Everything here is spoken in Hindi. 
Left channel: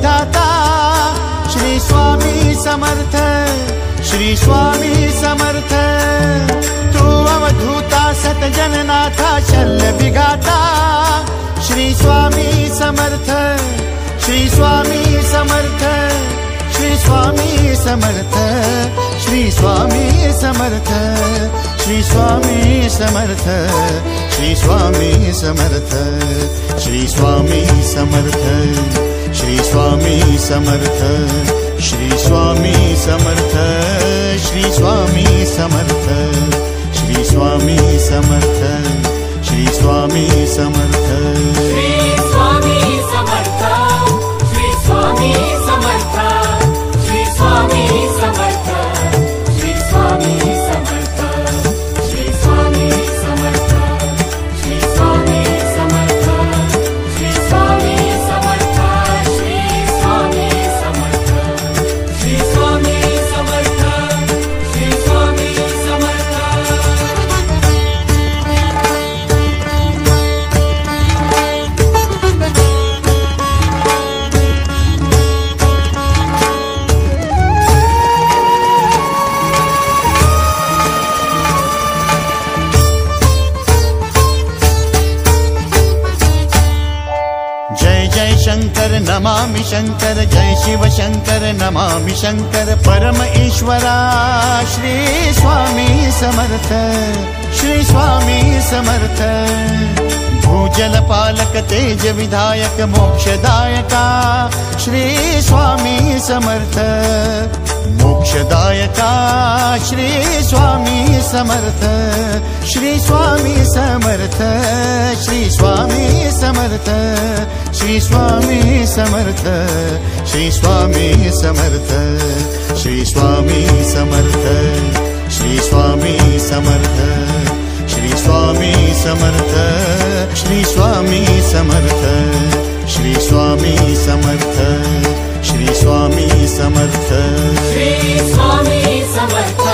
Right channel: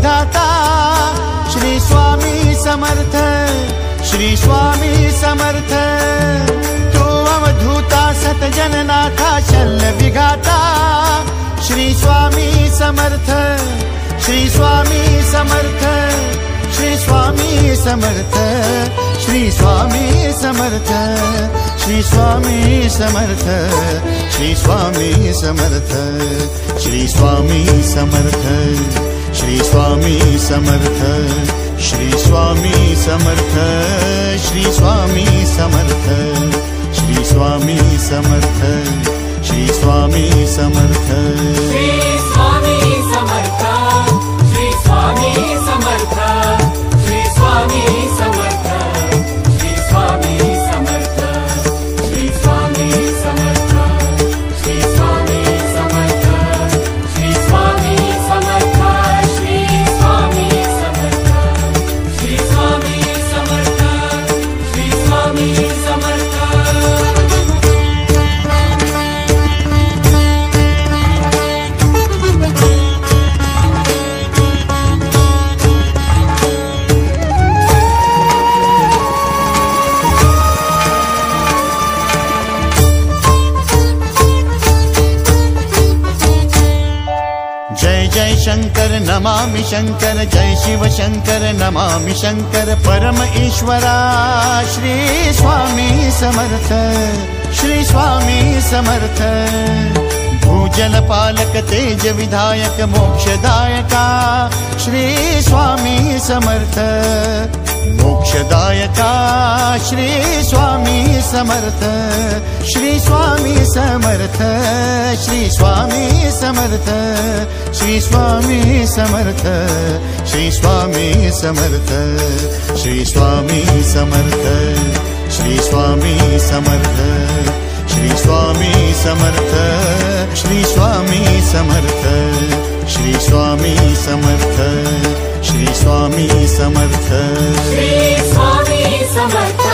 विधाता श्री स्वामी समर्थ, श्री स्वामी समर्थ। तू अवधूता सतजननाथा शल्य विघाता श्री स्वामी समर्थ, श्री स्वामी समर्थ, श्री स्वामी समर्थ, श्री स्वामी समर्थ, श्री स्वामी समर्थ, श्री स्वामी समर्थ, श्री स्वामी समर्थ, श्री स्वामी समर्थ, श्री स्वामी समर्थ, श्री स्वामी समर्थ, श्री स्वामी समर्थ, श्री स्वामी समर्थ। जय शंकर नमामि शंकर, जय शिव शंकर नमामि शंकर। परम ईश्वरा श्री स्वामी समर्थ, श्री स्वामी समर्थ। भूजल पालक तेज विधायक मोक्षदायका श्री स्वामी समर्थ, मोक्षदायका श्री स्वामी समर्थ, श्री स्वामी समर्थ, श्री स्वामी समर्थ, श्री स्वामी समर्थ, श्री स्वामी समर्थ, श्री स्वामी समर्थ, श्री स्वामी समर्थ, श्री स्वामी समर्थ, श्री स्वामी समर्थ, श्री स्वामी समर्थ, श्री स्वामी समर्थ, श्री स्वामी समर्थ।